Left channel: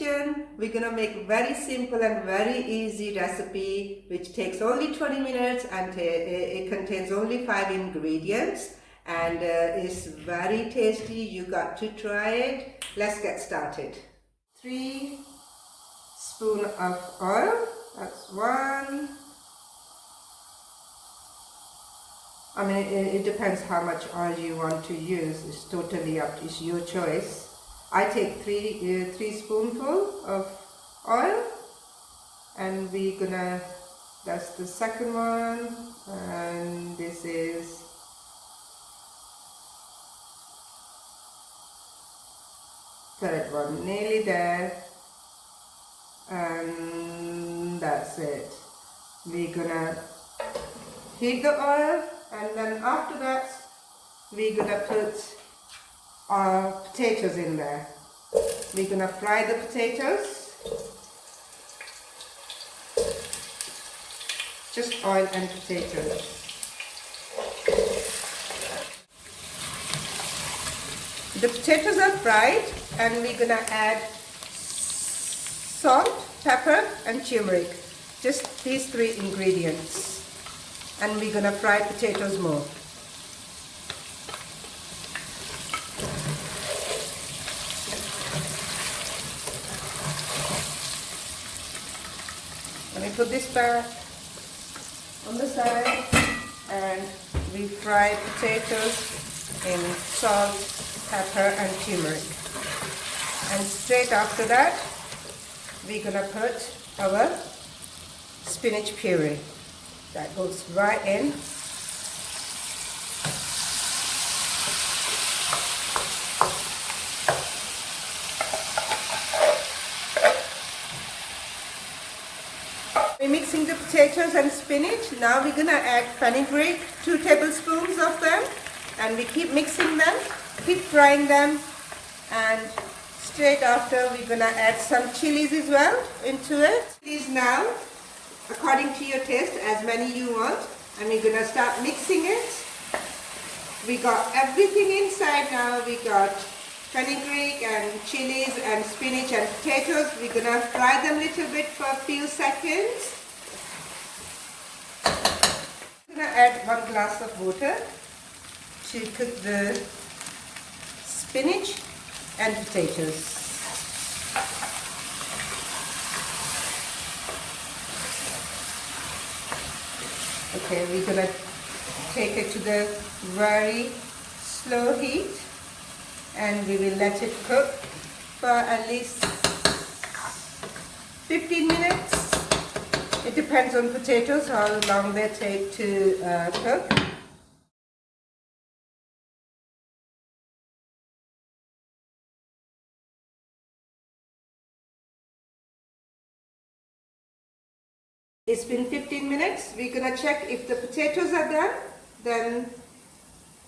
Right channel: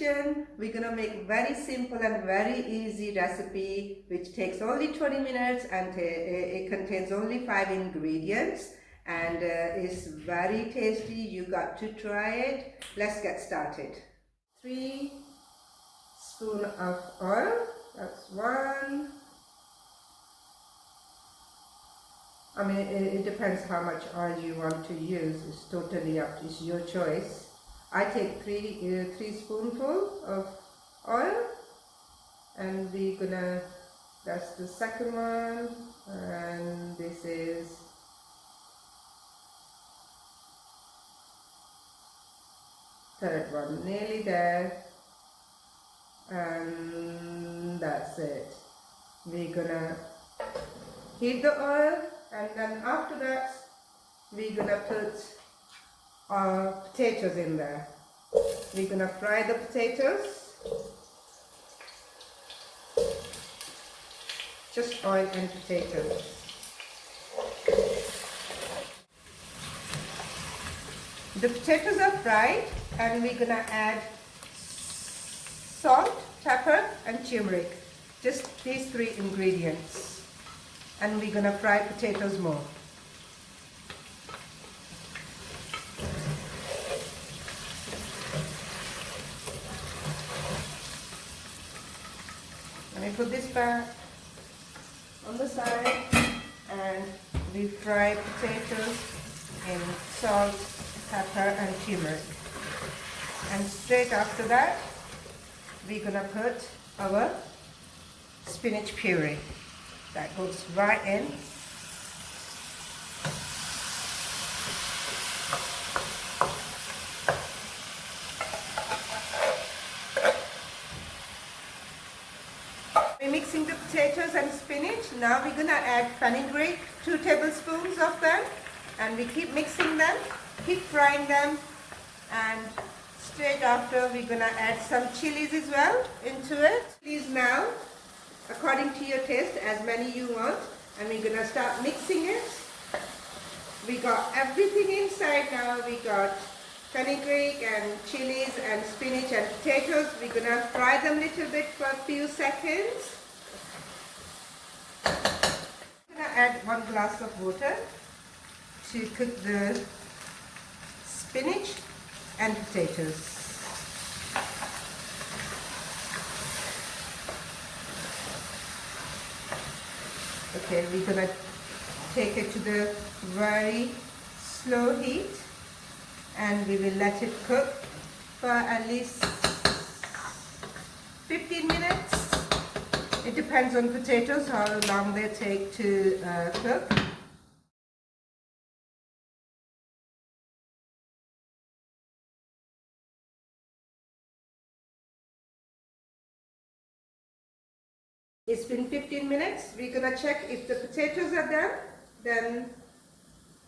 kitchen. We're gonna make very simple and very easy recipe which takes only 20 minutes and it contains only 5 ingredients and is very tasty. You got to try it. Let's get started. 3 spoons of oil. That's 1. I mean, it depends how much oil you want to use. It's totally up. It's your choice. I take 3 spoonfuls of oil, and we're gonna. That's the second one, and this is third one. Nearly there, and that's it. We're gonna heat the oil. And then after that, we're gonna put our potatoes in there. We're gonna fry the potatoes. Just oil and potatoes. The potatoes are fried, and we're gonna add salt, pepper, and turmeric. Just these 3 ingredients. And we're going to fry potatoes more. Let me put this back on the side, and we fry potatoes in salt, pepper and turmeric. And straight after that, we're going to put our spinach puree. That goes right in. We're mixing the potatoes and spinach. Now we're gonna add fenugreek, 2 tablespoons of them, and we keep mixing them, keep frying them, and straight after we're gonna add some chilies as well into it. These now, according to your taste, as many you want, and we're gonna start mixing it. We got everything inside now. We got fenugreek and chilies and spinach and potatoes. We're gonna fry them a little bit for a few seconds. I'm gonna add 1 glass of water to cook the spinach and potatoes. Okay, we're gonna take it to the very slow heat, and we will let it cook for at least 15 minutes. It depends on potatoes, how long they take to cook. It's been 15 minutes. We're gonna check if the potatoes are done. Then,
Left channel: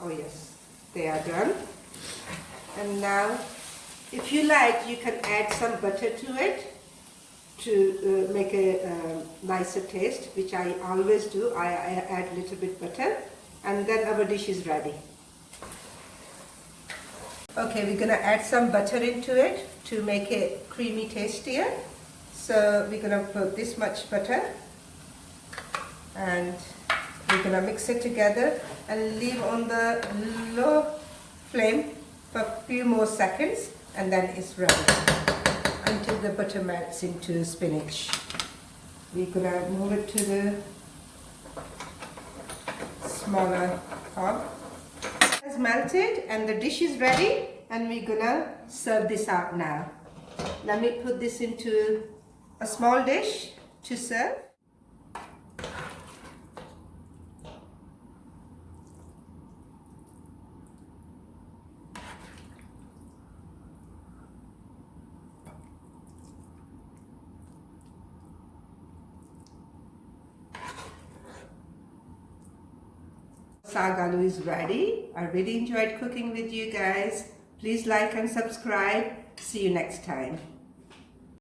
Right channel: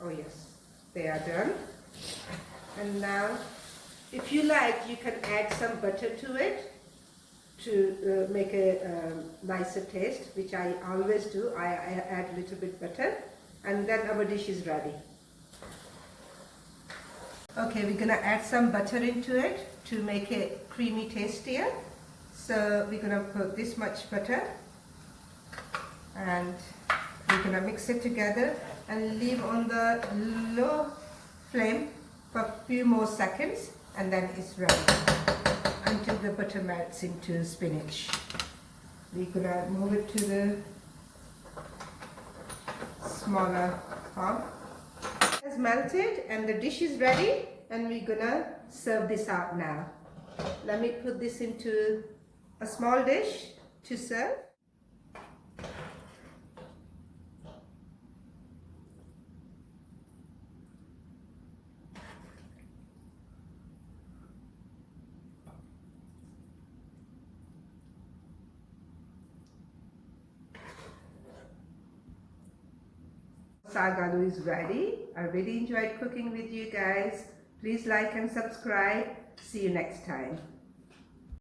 oh yes, they are done. And now, if you like, you can add some butter to it to make a nicer taste, which I always do. I add a little bit butter, and then our dish is ready. Okay, we're gonna add some butter into it to make it creamy tastier. So we're gonna put this much butter, and we're gonna mix it together and leave on the low flame for a few more seconds, and then it's ready until the butter melts into spinach. We're gonna move it to the smaller pot. It's melted and the dish is ready, and we're gonna serve this out now. Let me put this into a small dish to serve. Saag Aloo is ready. I really enjoyed cooking with you guys. Please like and subscribe. See you next time.